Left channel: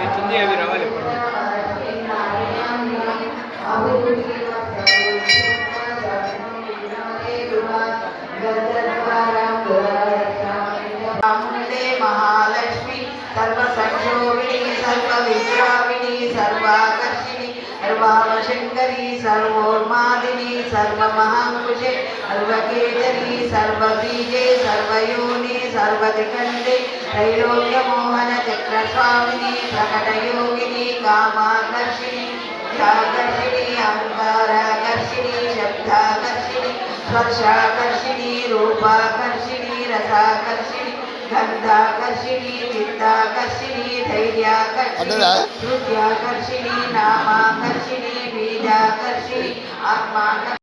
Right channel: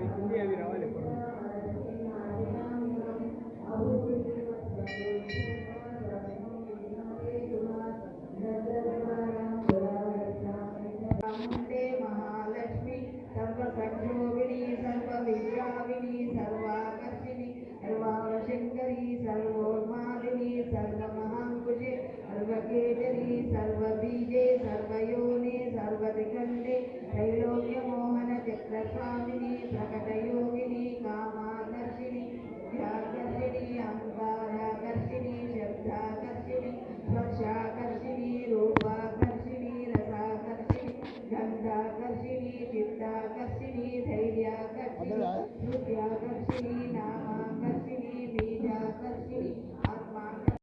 అవుతుంది అవి రావాలి महालक्ष्मी सर्वसंक्षोभिणी सर्वविद्याविनी सर्वाकर्षिणी सर्वावशंकरी सर्वोन्मादिनी सर्वमहांकुशे सर्वकेतनी सर्वबीजे सर्वयोनि सर्वदिखंडे त्रैलोक्यमोहन चक्रस्वामिनी प्रकटयोगिनी कामाकर्षिणी ध्याकर्षिणी अहंकाराकर्षिणी शब्दाकर्षिणी स्पर्शाकर्षिणी रूपाकर्षिणी रसाकर्षिणी गंधाकर्षिणी चित्ताकर्षिणी धैर्याकर्षिणी श्रुत्याकर्षिणी नामाकर्षिणी बीजाकर्षिणी आत्माकर्षिणी